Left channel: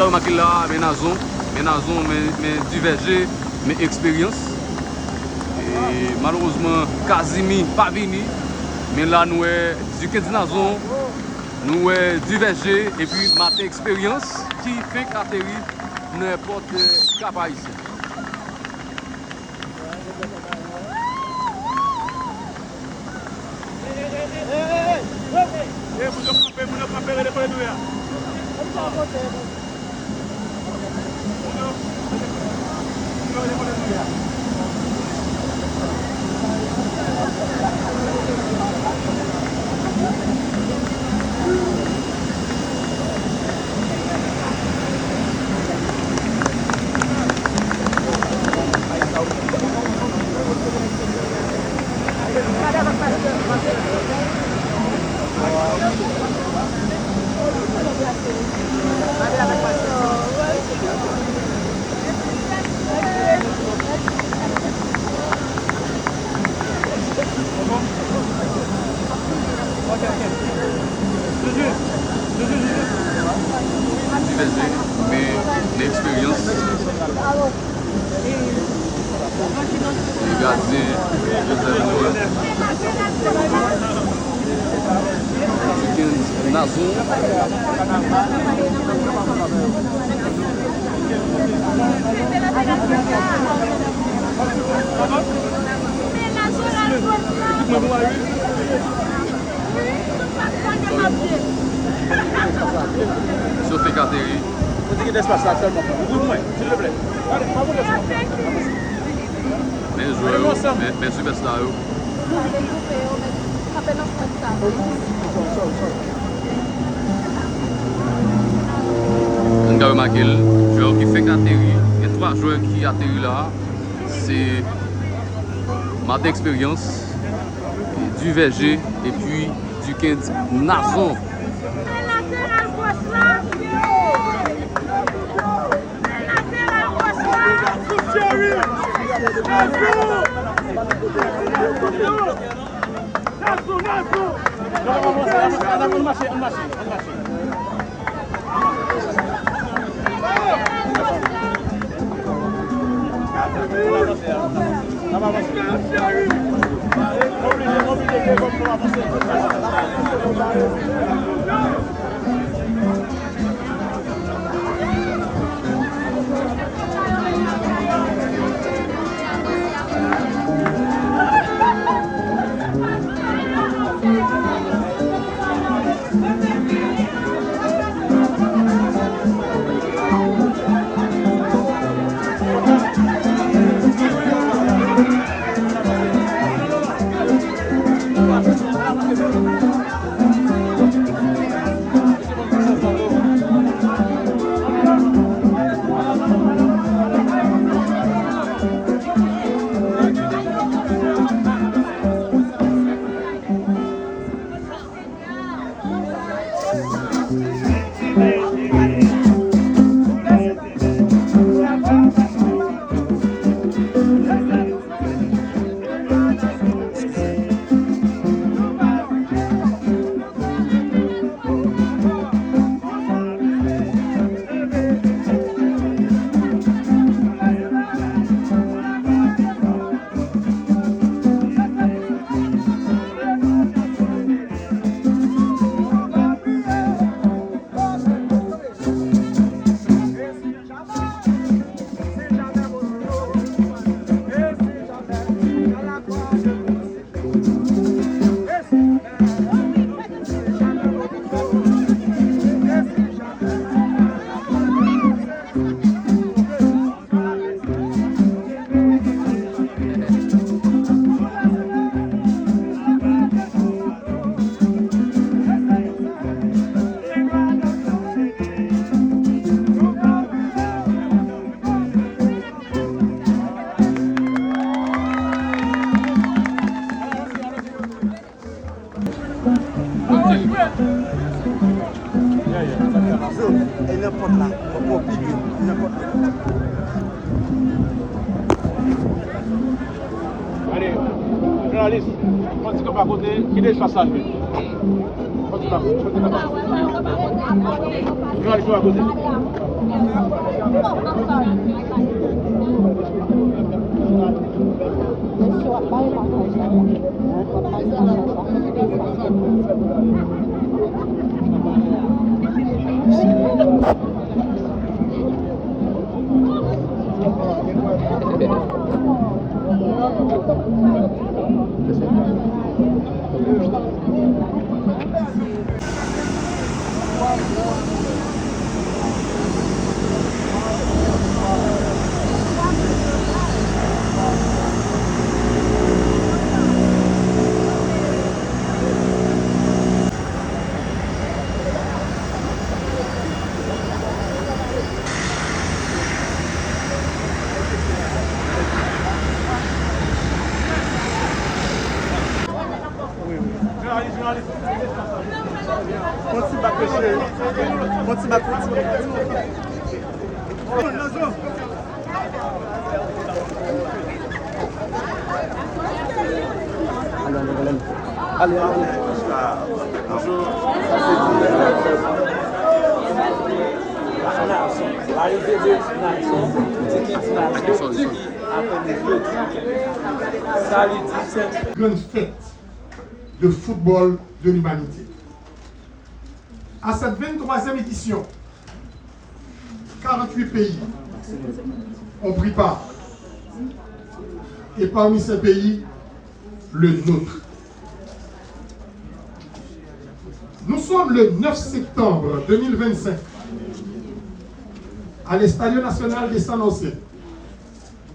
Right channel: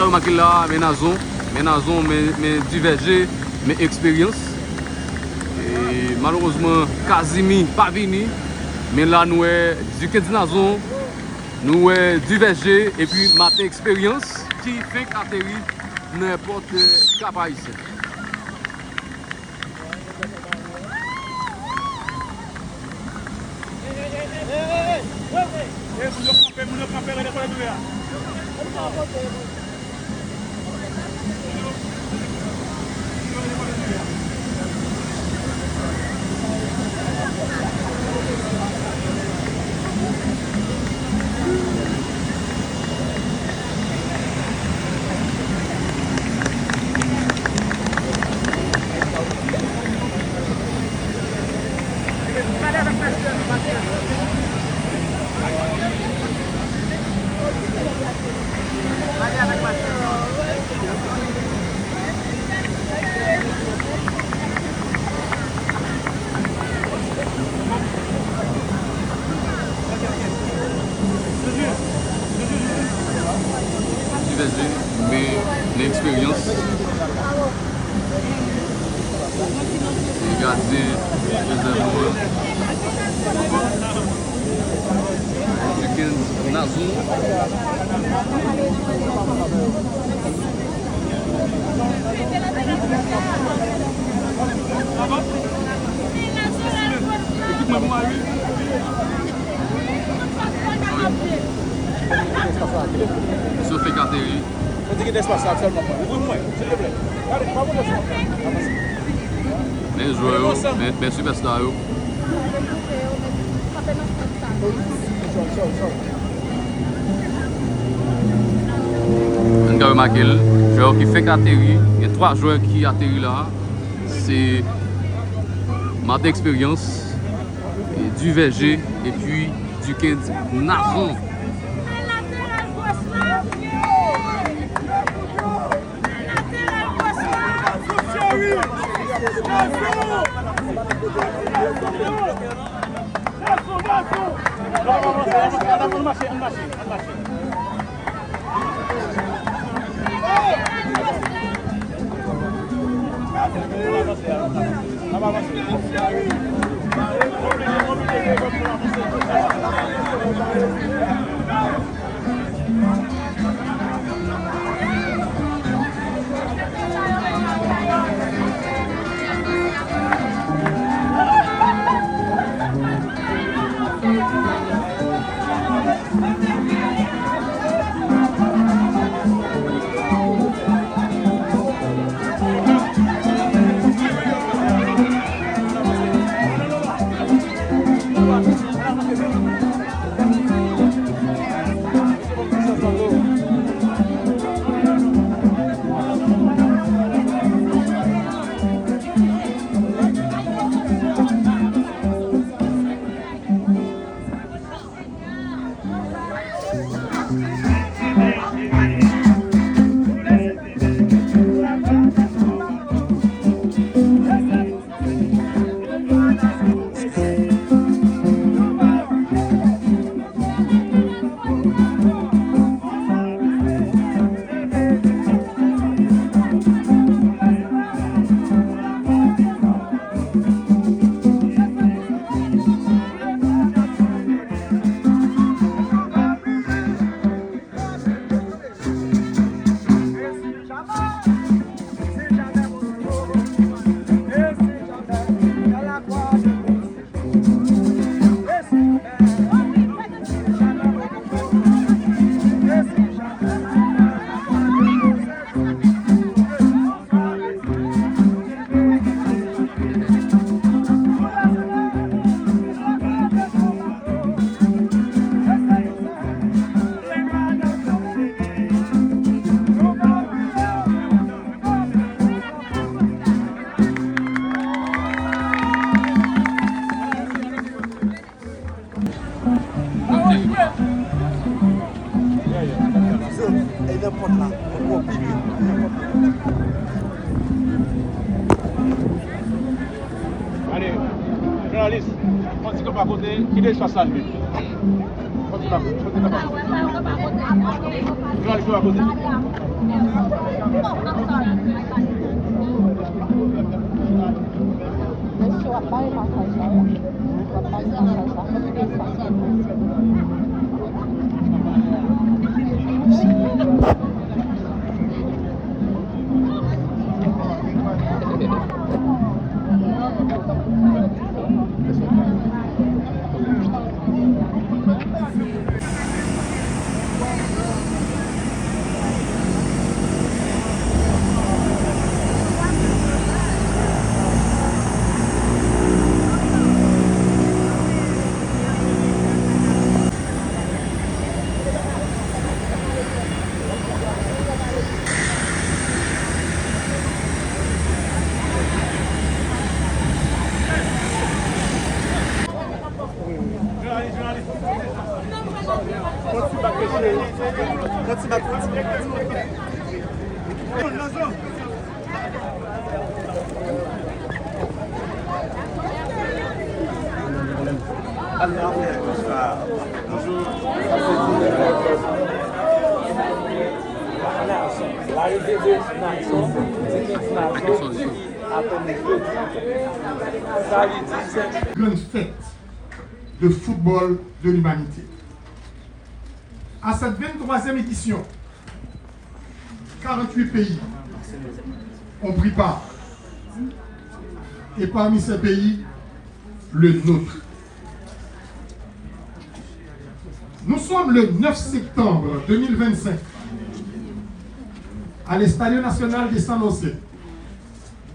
avez remarqué là, mais divergé, mais expérience. Et malheureusement, Kazimi pas venu. Mais là, nous du 15 Nazon, nous divergé et puis ma expérience qui fait qu'atterrir n'importe cap haïtien. Mais l'expérience et garder deuxième du Nazon. Se fait atterrir. Merci Superstar. On a remarqué qui fait atterrir. Il y a 3 joueurs qui atterrissent là. C'est ma expérience, du VG et puis du 15 Nazon. Qui laisse face à lui. Grande fête de football de l'humanité. À cette 23e édition, 48 pays ont pris part. Et parmi ces pays, le nôtre. Nous sommes le 9 septembre 2025 à l'Estadio Nacional de San José,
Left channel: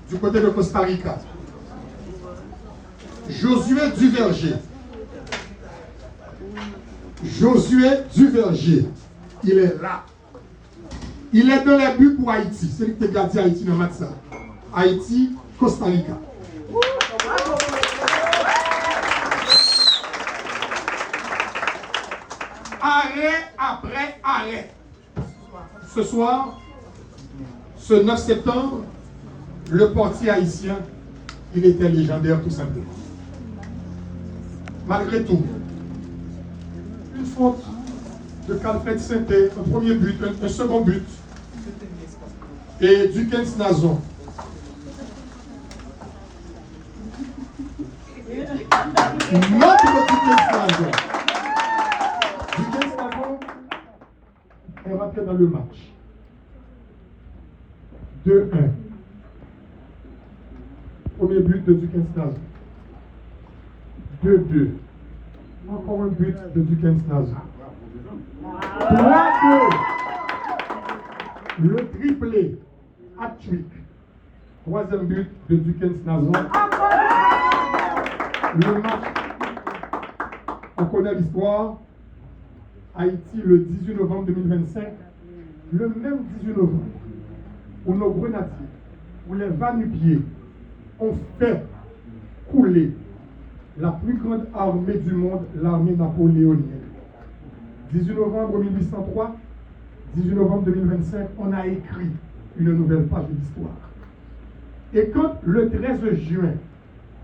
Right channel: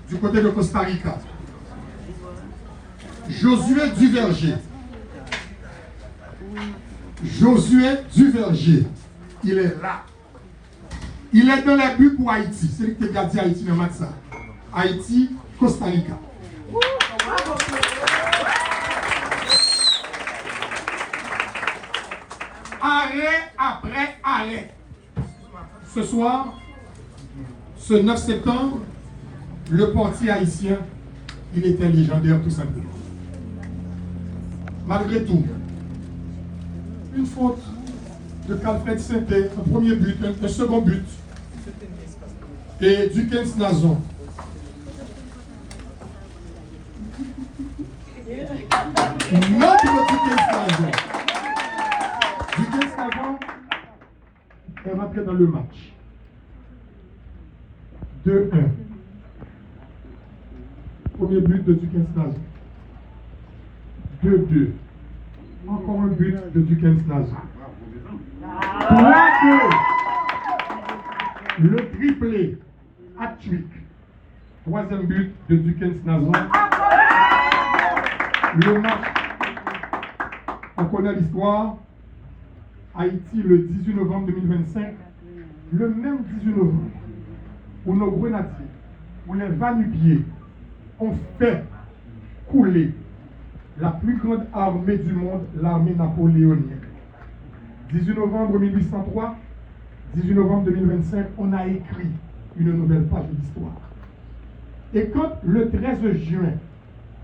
du côté de Costa Rica. Josué Duverger, il est là. Il est dans les buts pour Haïti. C'est lui qui a gardé Haïti dans le match. Haïti, Costa Rica. Arrêt après arrêt. Ce soir, ce 9 septembre, le portier haïtien, il était légendaire tout simplement. Malgré tout, une faute de Calfred Sainté, un premier but, un second but, et Dukens Nazon. Notre Dukens Nazon. Dukens Nazon est rentré dans le match. 2-1. Premier but de Dukens Nazon. 2-2. Encore un but de Dukens Nazon. 3-2. Le triplé. Hat-trick. Troisième but de Dukens Nazon. Le match, on connaît l'histoire. Haïti, le 18 novembre 2025. Le même 18 novembre, où nos grenadiers, où les va-nu-pieds ont fait couler la plus grande armée du monde, l'armée napoléonienne. 18 novembre 1803, 18 novembre 2025, on a écrit une nouvelle page de l'histoire. Et quand le 13 juin,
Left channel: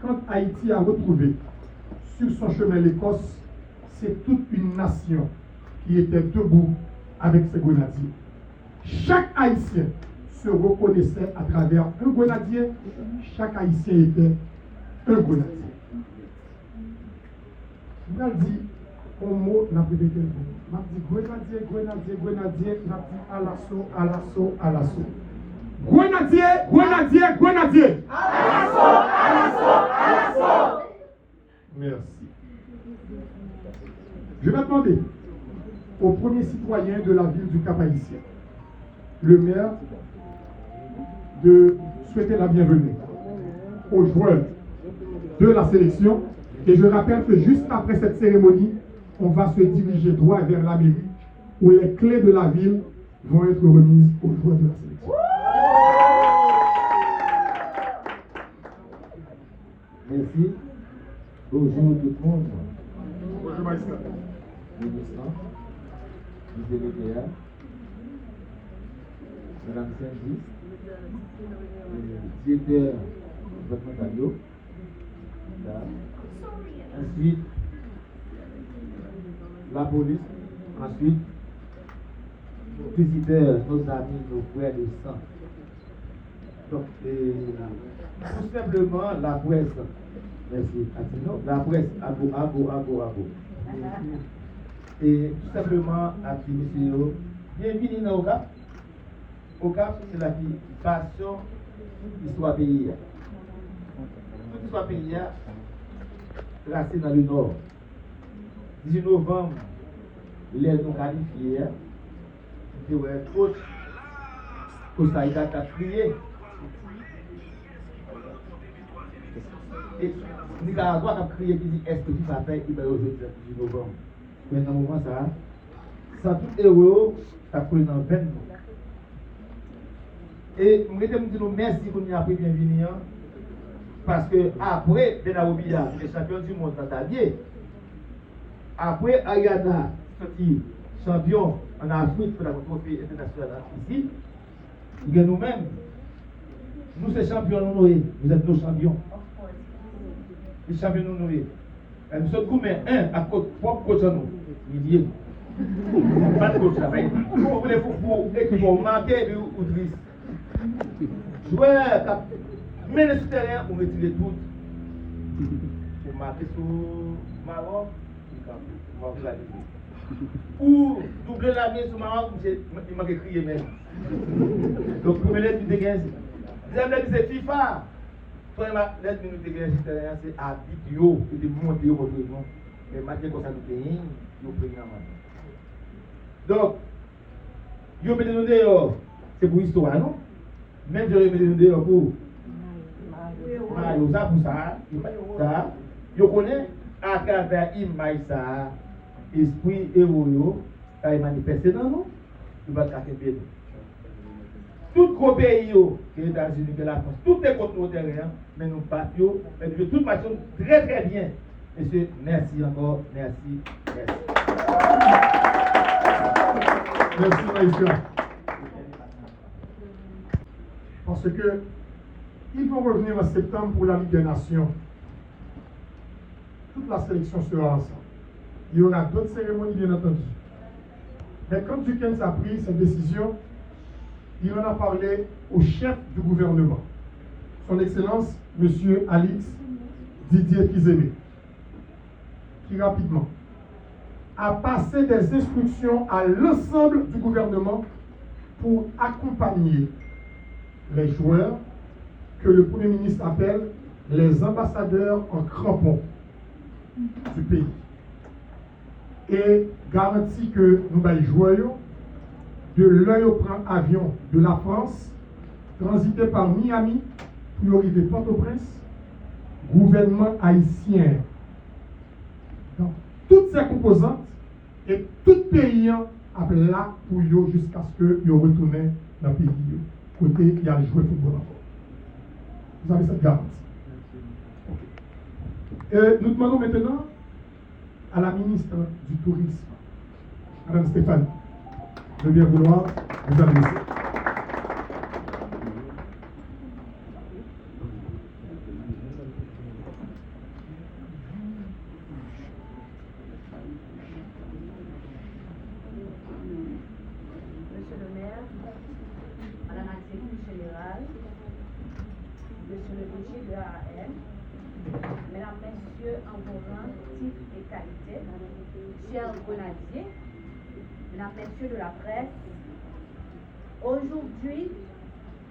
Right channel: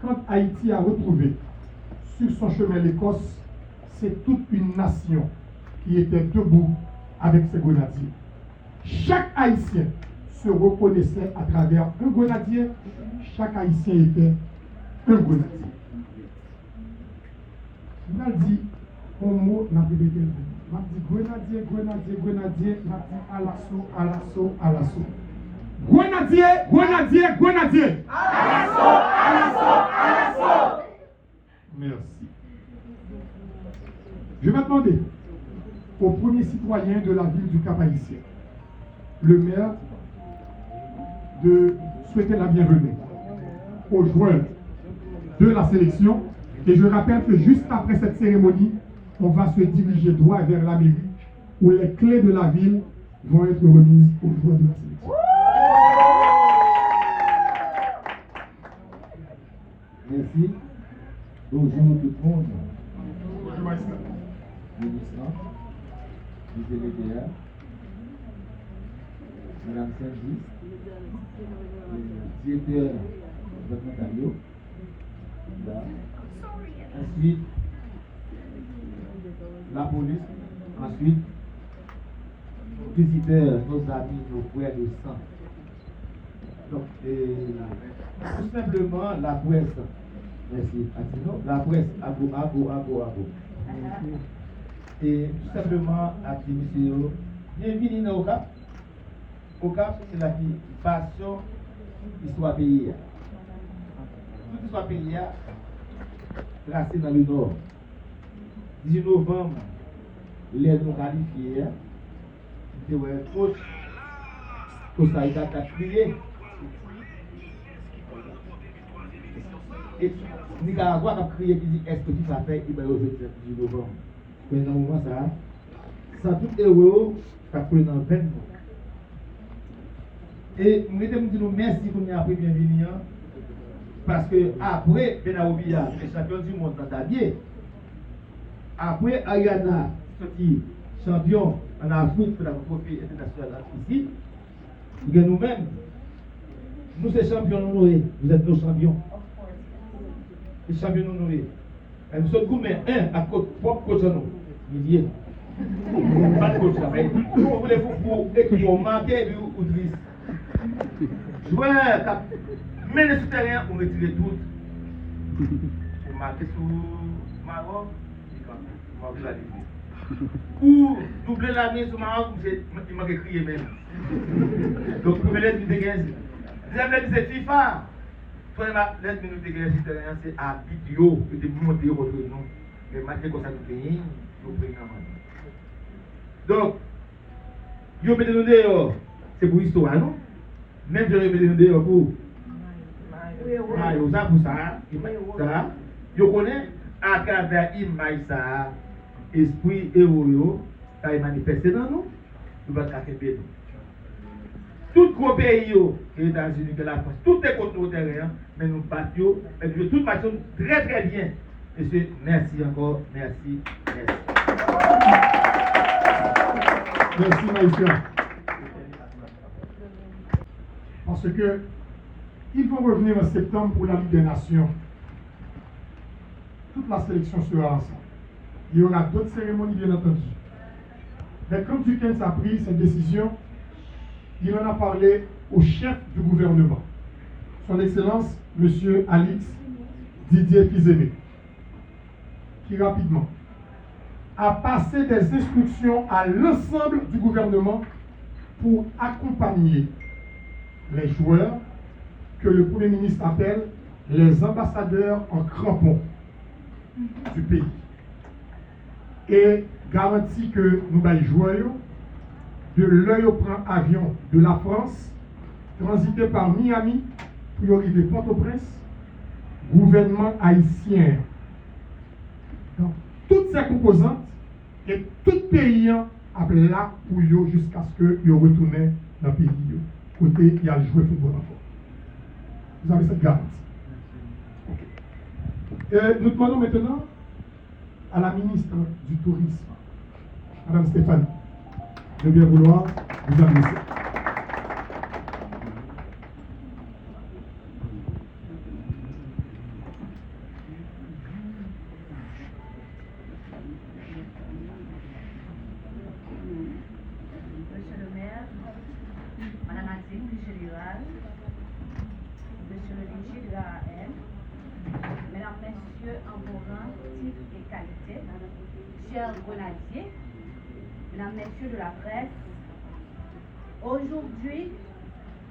quand Haïti a retrouvé sur son chemin l'Écosse, c'est toute une nation qui était debout avec ses grenadiers. Chaque Haïtien se reconnaissait à travers un grenadier, chaque Haïtien était un grenadier. On a dit, un mot, n'a pas répété le mot. On a dit grenadier, grenadier, grenadier, on a dit à l'assaut, à l'assaut, à l'assaut. Grenadier, grenadier, grenadier. À l'assaut, à l'assaut, à l'assaut. Merci. Je vais demander au premier citoyen de la ville du Cap-Haïtien, le maire, de souhaiter la bienvenue aux joueurs de la sélection. Et je rappelle que juste après cette cérémonie, on va se diriger droit vers la mairie où les clés de la ville vont être remises aux joueurs de la sélection. Merci. Bonjour tout le monde. Bonjour, maître. Ministre, vice-délégué, Madame Saint-Just, directeur départemental. Ensuite, la police. Ensuite, visiteurs, nos amis, nos frères de sang. Donc, tout simplement, la presse, merci, Atino, la presse, ago. Et tout simplement, à dire, monsieur, bienvenue dans OCAP. OCAP, c'est la passion, histoire pays. Toute histoire pays, placée dans le nord. 18 novembre, les nous qualifiés, c'est ouais, Costa Rica a crié. Et Nicaragua a crié qui dit est-ce que tu vas faire, il va aujourd'hui le 18 novembre. Mais dans le moment, ça, sans tout héros, ça coule dans le peine. Et je me dis merci pour nous après bienvenue. Parce que après Benaoubia, le champion du monde dans ta vie, après Ayana, sorti champion en Afrique pour la trophée internationale ici, nous-mêmes, nous sommes champions honorés, vous êtes nos champions. Les champions honorés. Nous sommes gourmets, à côté, propre coach à nous, milliers. Pas de coach là, mais vous voulez pour marquer ou triste. Joueur, mais le terrain, on retire tout. Pour marquer sur Maroc, on va la défendre. Ou doubler la main sur Maroc, il m'a crié même. Donc, première lettre de 15. Deuxième lettre, c'est FIFA. Première lettre de 15, c'est habitué de monter votre nom. Mais maintenant, comme ça, nous payons, nous prenons. Donc, vous mettez nous dehors, c'est pour l'histoire, non? Même si vous mettez nous dehors pour. Mario, ça pour ça, ça, je connais à travers l'image ça, esprit héros, ça est manifesté dans nous, nous allons faire nous. Tout gros pays, les États-Unis, la France, tout est contre nos terrains, mais nous battons, et nous tout marchons très très bien. Monsieur, merci encore, merci. Merci Maïska. Parce que ils vont revenir en septembre pour la Ligue des Nations. Toute la sélection sera ensemble. Il y aura d'autres cérémonies, bien entendu. Mais quand Duquesne a pris cette décision, il en a parlé au chef du gouvernement, son Excellence, M. Alix Didier Fizemé, qui rapidement a passé des instructions à l'ensemble du gouvernement pour accompagner les joueurs que le Premier ministre appelle les ambassadeurs en crampons du pays. Et garantit que nous allons jouer de l'œil au prend avion de la France, transiter par Miami pour arriver Port-au-Prince, gouvernement haïtien. Donc, toutes ces composantes et tout pays a là pour eux jusqu'à ce que ils retournent dans le pays. Côté, il y a le jouer football encore. Vous avez cette garantie. Nous demandons maintenant à la ministre du Tourisme, Mme Stéphanie, de bien vouloir vous adresser. Monsieur le maire, Madame la secrétaire générale, Monsieur le DG de l'AAM, Mesdames, Messieurs, en vos rangs, titres et qualités, chers grenadiers, Mesdames, Messieurs de la presse, aujourd'hui,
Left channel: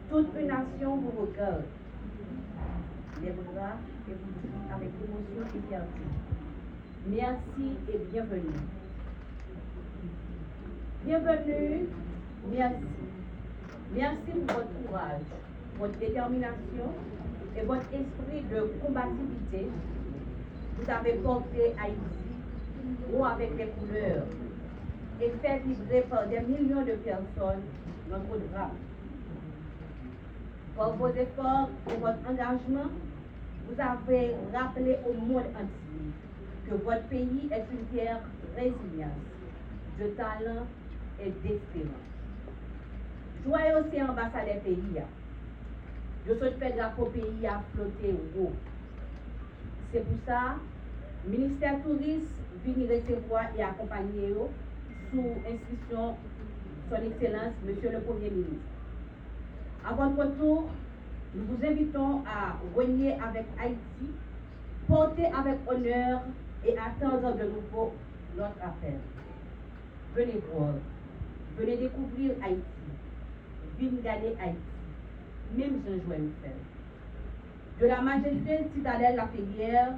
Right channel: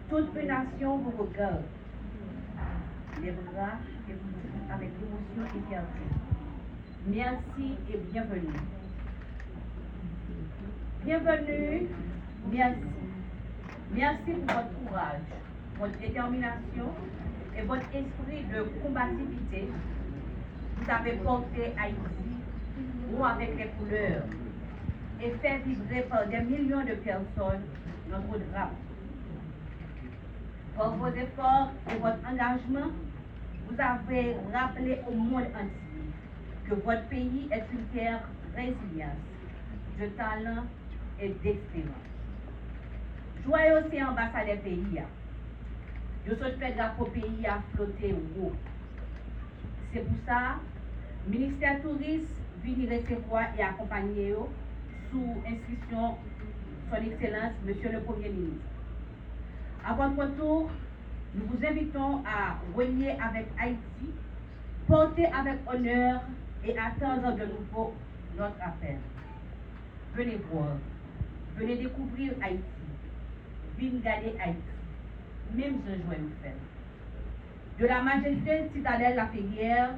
toute une nation vous regarde, les bras et vous dit avec émotion et fierté. Merci et bienvenue. Bienvenue, merci. Merci pour votre courage, votre détermination et votre esprit de combativité. Vous avez porté Haïti haut avec les couleurs et fait vibrer par des millions de personnes notre drapeau. Par vos efforts et votre engagement, vous avez rappelé au monde entier que votre pays est une terre résiliente, de talent et d'espérance. Joyeux aussi ambassadeur pays. Je souhaite faire drapeau pays à flotter au haut. C'est pour ça, le ministère tourisme vient recevoir et accompagner sous inscription Son Excellence, Monsieur le Premier ministre. À votre tour, nous vous invitons à renier avec Haïti, porter avec honneur et attendre de nouveau notre appel. Venez voir, venez découvrir Haïti, venez regarder Haïti, même je joue nous faire. De la majestueuse citadelle La Ferrière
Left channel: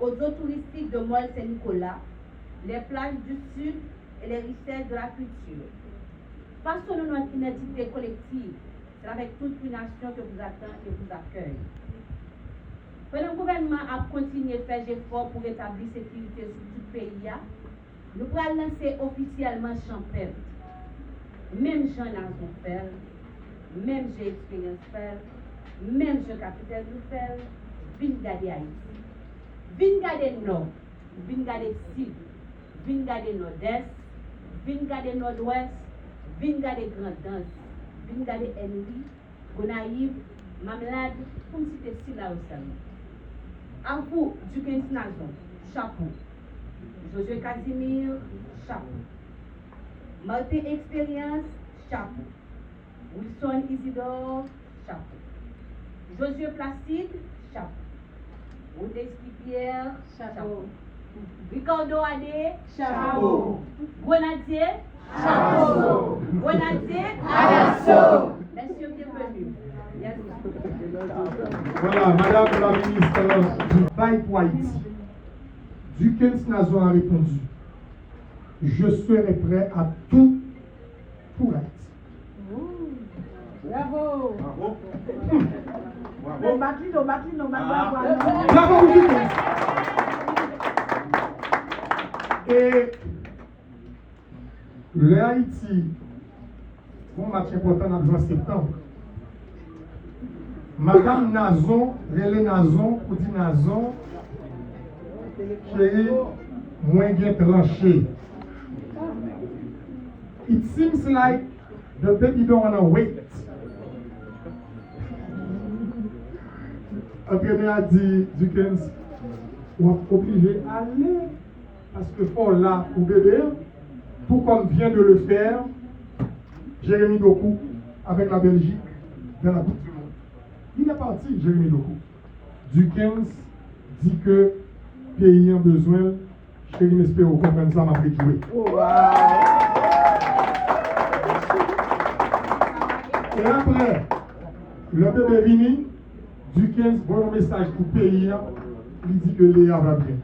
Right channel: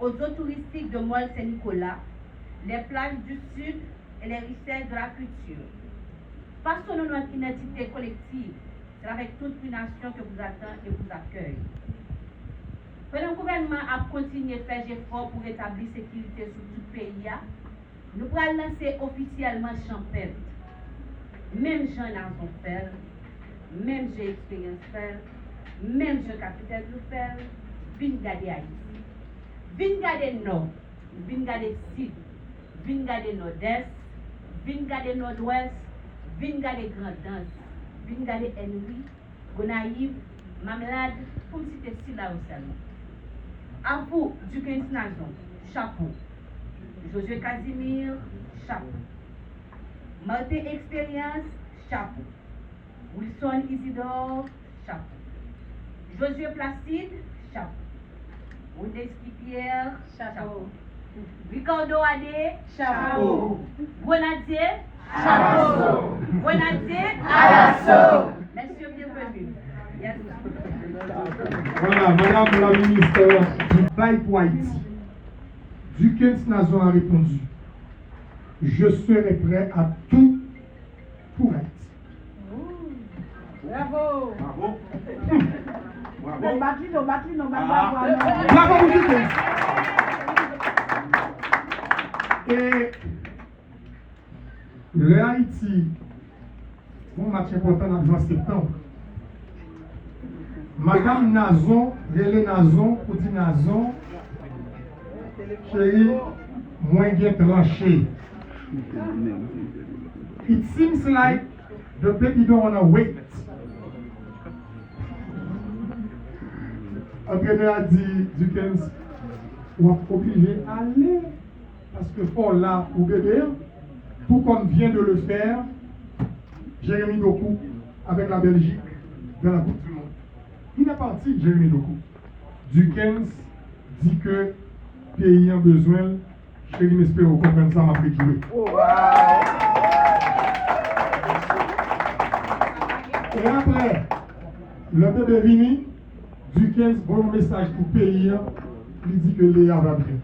aux eaux touristiques de Mol Saint-Nicolas, les plages du Sud et les richesses de la culture. Façonnons notre identité collective, c'est avec toute une nation que vous attend et vous accueille. Pendant le gouvernement a continué de faire des efforts pour établir la sécurité sur tout le pays, nous pourrons lancer officiellement Champêtre. Même Jean Nazon faire, même j'ai expérience faire, même je capitaine nous faire, vin garder Haïti, vin garder Nord, vin garder Sud, vin garder Nord-Est, vin garder Nord-Ouest, vin garder Grand-Danse, vin garder Henry, Gonaïve, Mamelade, comme si c'était si là seulement. À vous, Duquesne Nazon, chapeau. Josué Casimir, chapeau. Martin Expérience, chapeau. Wilson Isidore, chapeau. Josué Placide, chapeau. Wondeski Pierre, chapeau. Ricardo Adé, chapeau. Grenadier, chapeau. Grenadier, à l'assaut. Messieurs, bienvenue. Yes. Voilà, Madame la ministre du Bail pour Haïti. Duquesne Nazon a répondu: je serai prêt à tout pour Haïti. Bravo. Bravo. Bravo, Duquesne. Et le Haïti, bon match important dans le mois de septembre. Madame Nazon, Relé Nazon, pour dire Nazon, chérie, moins bien tranché. It seems like the baby don't want to wait. Entraîneur a dit, Duquesne, on est obligé d'aller parce que faut là pour bébé, tout comme vient de le faire Jérémy Doku avec la Belgique dans la Coupe du Monde. Il est parti, Jérémy Doku. Duquesne dit que le pays a besoin, chérie, j'espère que vous comprenez ça, m'a fait kilouer. Et après, le bébé vini, Duquesne, bon message pour le pays, il dit que Léa va bien.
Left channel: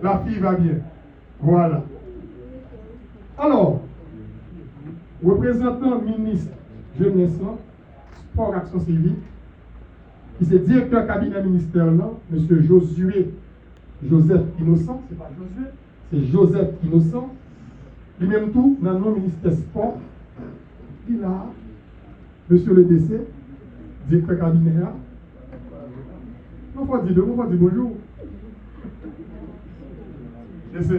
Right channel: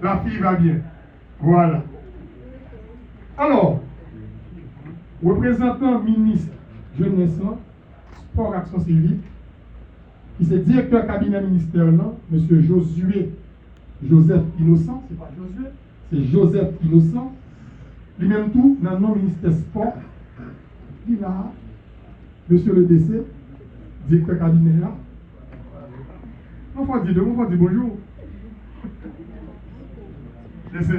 La fille va bien. Voilà. Alors, représentant ministre Jeunesse, Sport, Action Civique, qui est directeur cabinet ministère là, M. Joseph Innocent, c'est pas Josué, c'est Joseph Innocent, lui-même tout, dans le nom ministère Sport, il a, M. le DC, directeur cabinet là, on va dire bonjour. DC.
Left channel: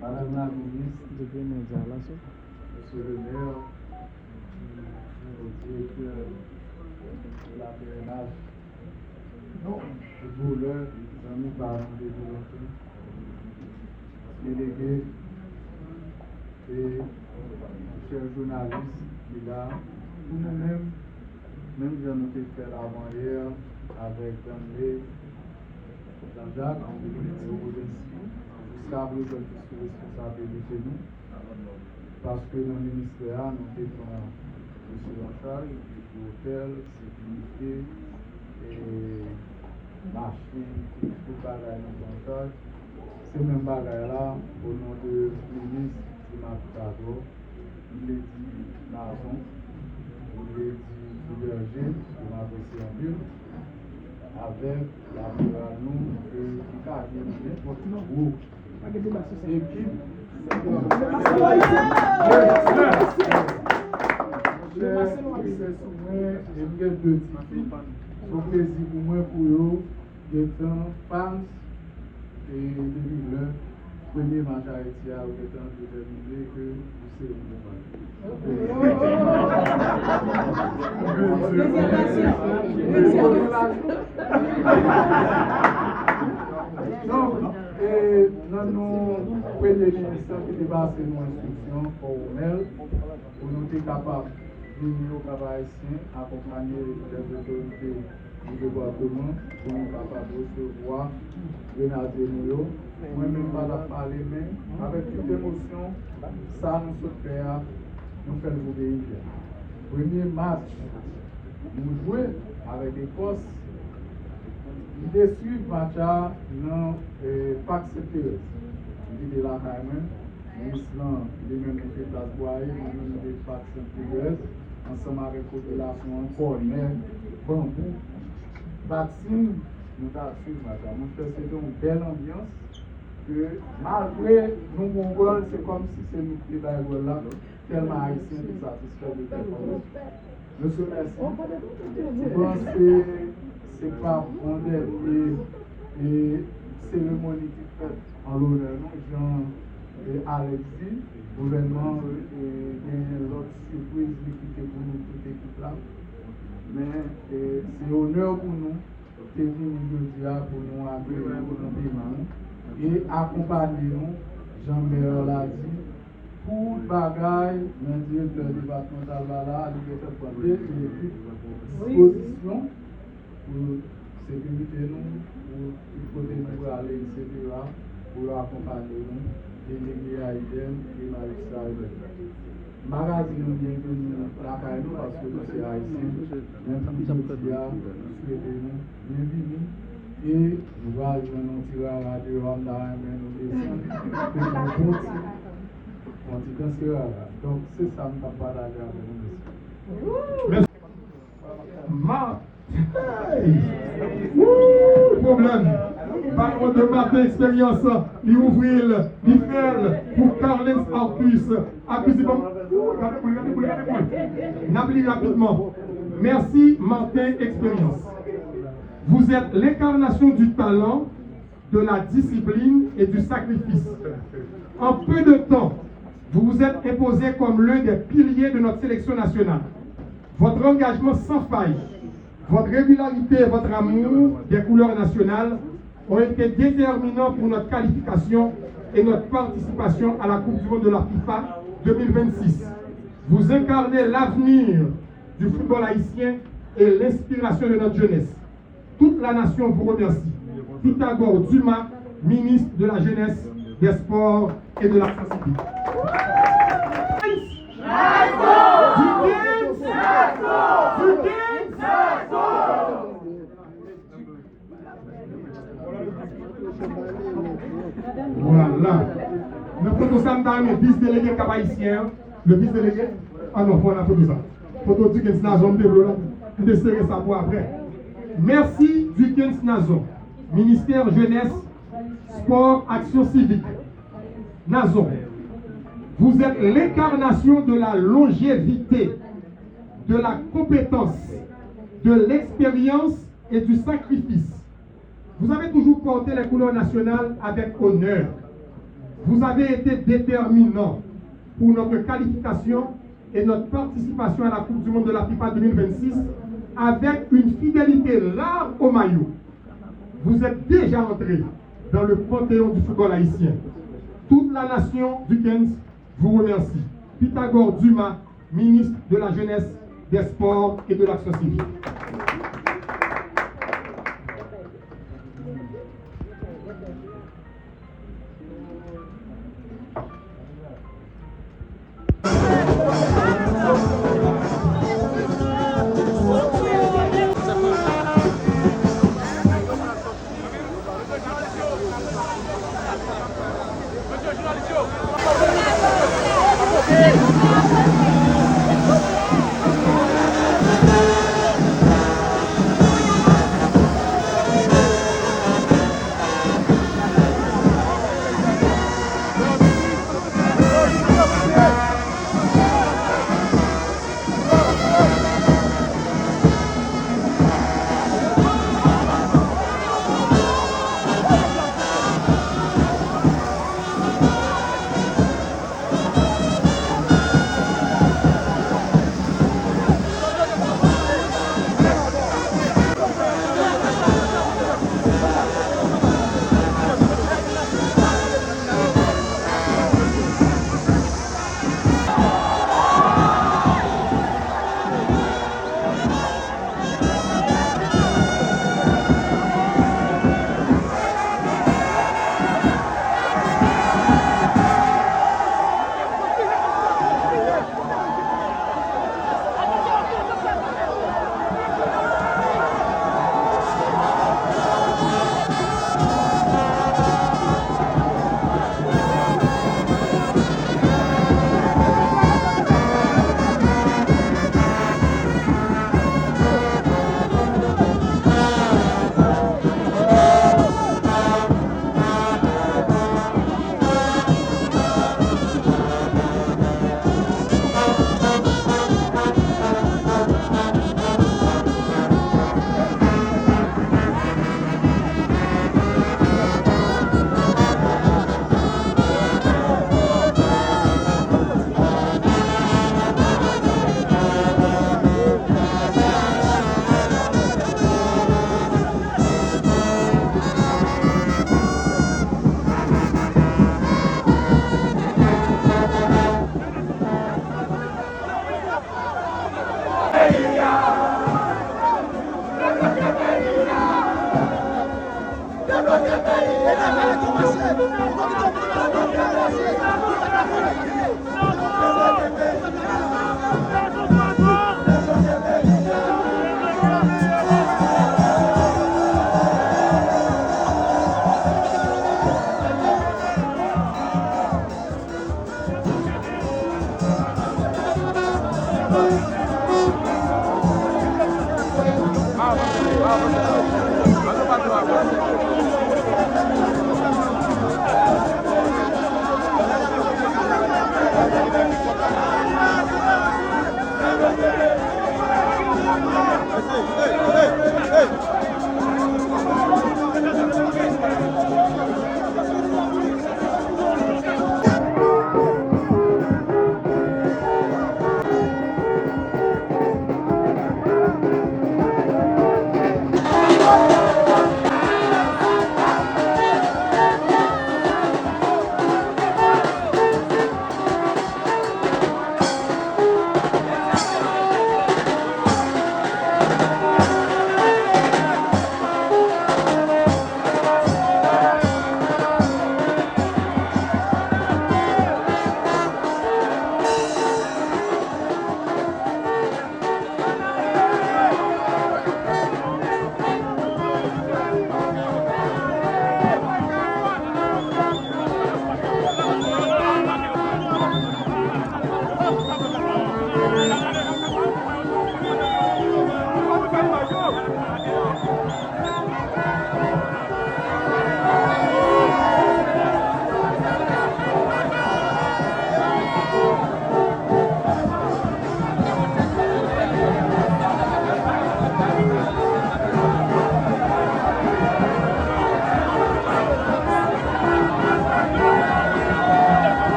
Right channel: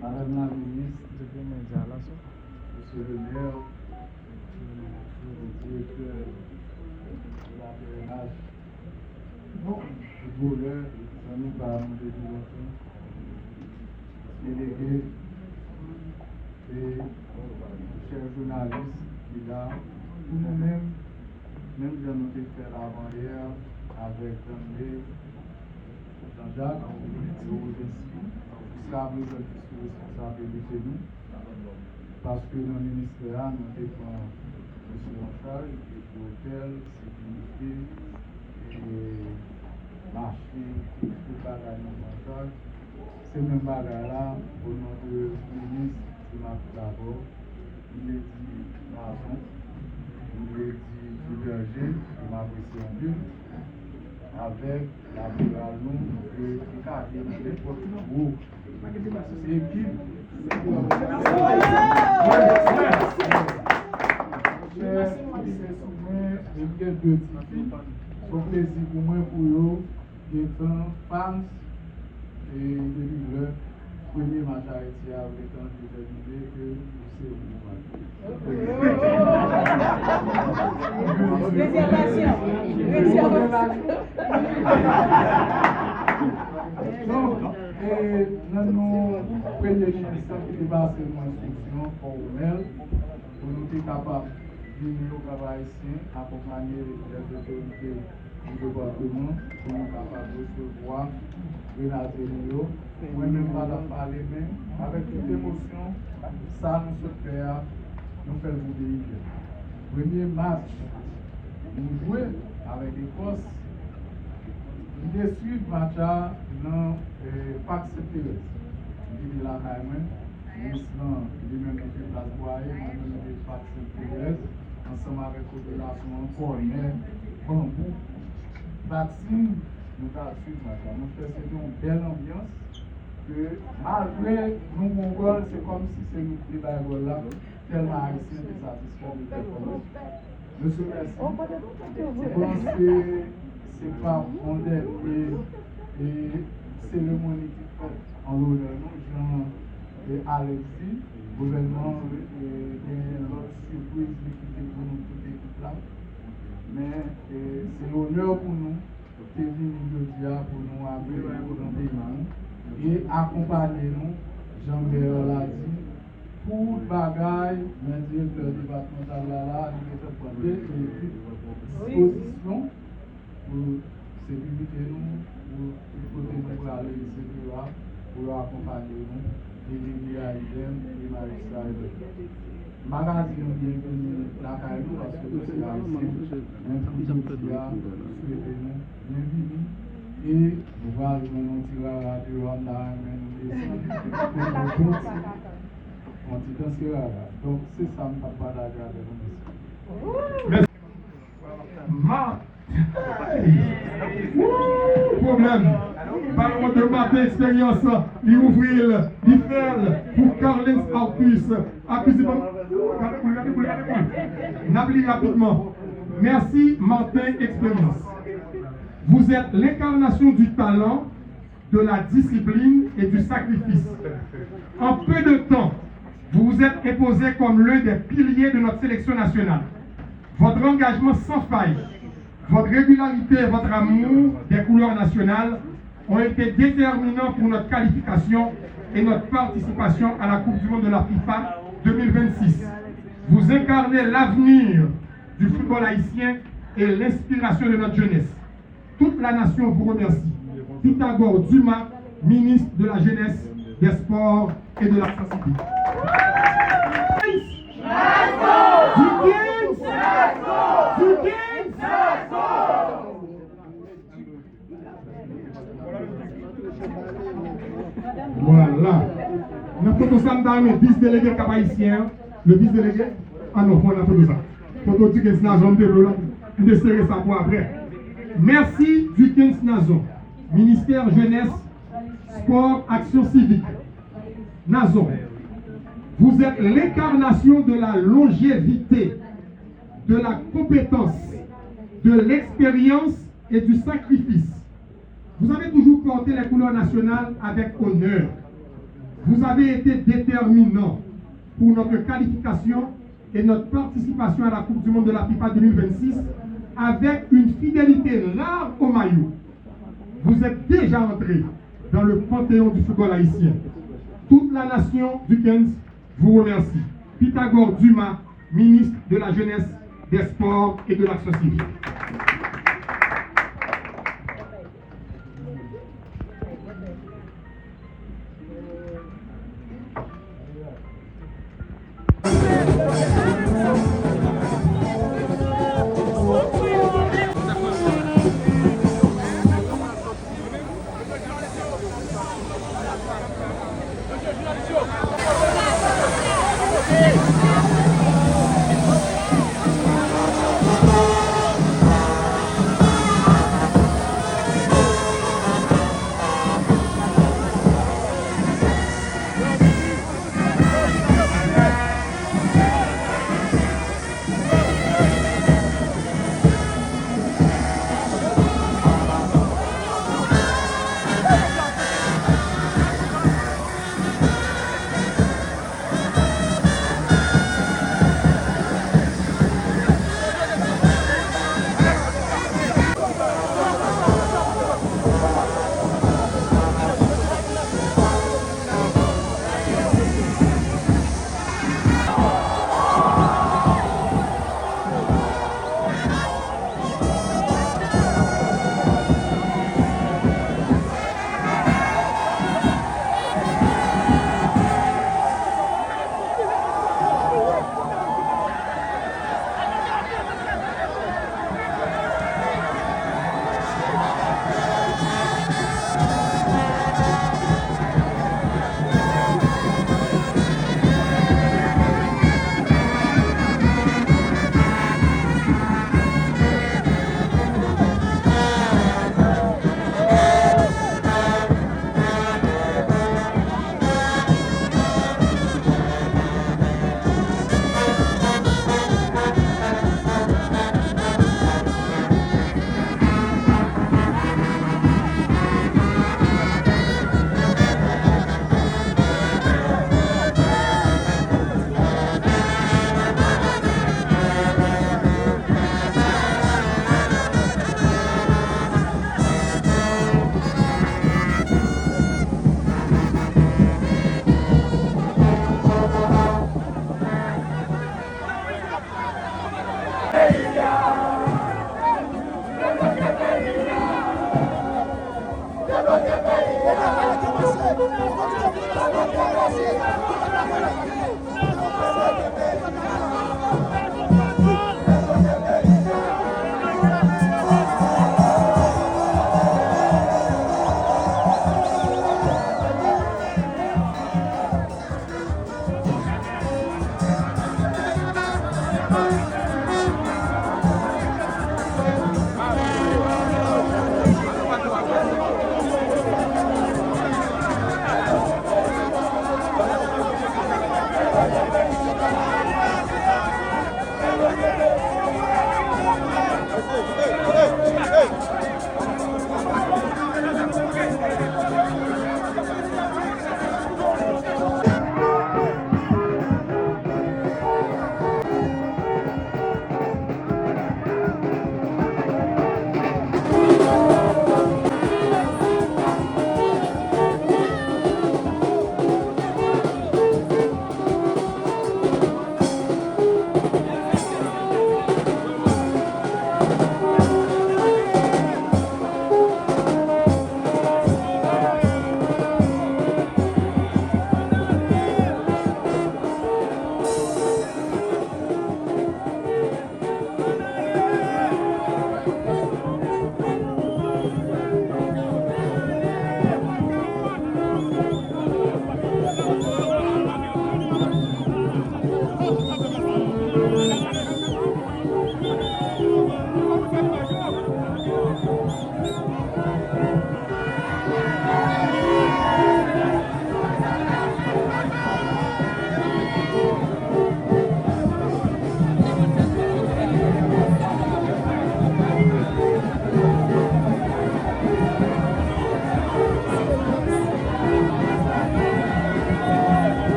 Madame la ministre, Monsieur le maire, le directeur de la PNH, le voleur, les amis parents des délégués et chers journalistes qui là, pour nous-mêmes, même si nous avons fait avant hier avec Daniel, Jean-Jacques, et Odensi. Jusqu'à présent, qui sont responsables chez nous, parce que dans le ministère, nous avons monsieur en charge, l'hôtel, sécurité, et marché, tout bagaille en charge. Ces mêmes bagailles-là, au nom de ministre, c'est ma d'abord, il est dit Nazon, il est dit Berger, je m'apprécie en Dieu, avec la nous et qui a été dans n'importe où. Et puis, c'est un plaisir pour moi pour eux d'être fans et de le premier match à Haïti à autant déterminé que vous savez et dans nos premiers ministres qui dépassent nos instructions formelles pour nous être capables de venir au travail ici, accompagner les autorités du département pour nous capables de recevoir Grenadier nous. Moi-même, je parler même avec toute émotion, ça nous souhaite nous faire le pays. Premier match, nous jouons avec l'Écosse. Nous suivons le match dans le Parc Saint-Thérèse. Nous sommes là quand même. Nous sommes lui-même qui fait place Boyer, nous sommes le Parc Saint-Thérèse, ensemble avec la population encore, mais bambou. Vaccine, nous avons suivi le match. Nous faisons une belle ambiance. Que malgré nous, mon rôle, c'est comme si c'est nous qui sommes là, tellement haïtiens qui satisfait de performance. Monsieur, merci. Je pense que ce n'est pas mon et cérémonie qui fait en l'honneur, Jean et Alexis, gouvernement et l'autre surprise qui était pour nous, toute l'équipe là. Mais c'est honneur pour nous de venir aujourd'hui pour nous accueillir, pour nous bénir et accompagner nous, Jean-Pierre l'a dit, pour le bagaille, le directeur départemental là, il est demandé disposition pour sécurité nous, pour côté nous aller, etc., pour accompagner nous, délégués à Eden et magistrat Eden. Magazine bienvenue là quand nous parce que c'est haïtien, même si nous souhaitons nous bienvenue. Et nous allons nous tirer à la radio, nous descendre, pour nous continuer. Donc c'est ça que nous partager avec nous. Problème. Parlons de ma expérience, il ouvrir, il faire pour Carles Arcus. N'applique rapidement. Merci Martin Expérience. Vous êtes l'incarnation du talent, de la discipline et du sacrifice. En peu de temps, vous vous êtes imposé comme l'un des piliers de notre sélection nationale. Votre engagement sans faille, votre régularité et votre amour des couleurs nationales ont été déterminants pour notre qualification et notre participation à la Coupe du Monde de la FIFA 2026. Vous incarnez l'avenir du football haïtien et l'inspiration de notre jeunesse. Toute la nation vous remercie. Pythagore Dumas, ministre de la Jeunesse, des Sports et de l'Action civique. Voilà. Nous faisons ça dans le vice-délégué cap-haïtien. Le vice-délégué. Ah non, on a fait ça. Photo du Kens Nazon de Roland. On va serrer ça pour après. Merci du Kens Nazon. Ministère Jeunesse, Sport, Action civique. Nazon. Vous êtes l'incarnation de la longévité, de la compétence, de l'expérience et du sacrifice. Vous avez toujours porté les couleurs nationales avec honneur. Vous avez été déterminant pour notre qualification et notre participation à la Coupe du Monde de la FIFA 2026 avec une fidélité rare au maillot. Vous êtes déjà entré dans le panthéon du football haïtien. Toute la nation du Kens vous remercie. Pythagore Dumas, ministre de la Jeunesse, des Sports et de l'Action civique. pas trop.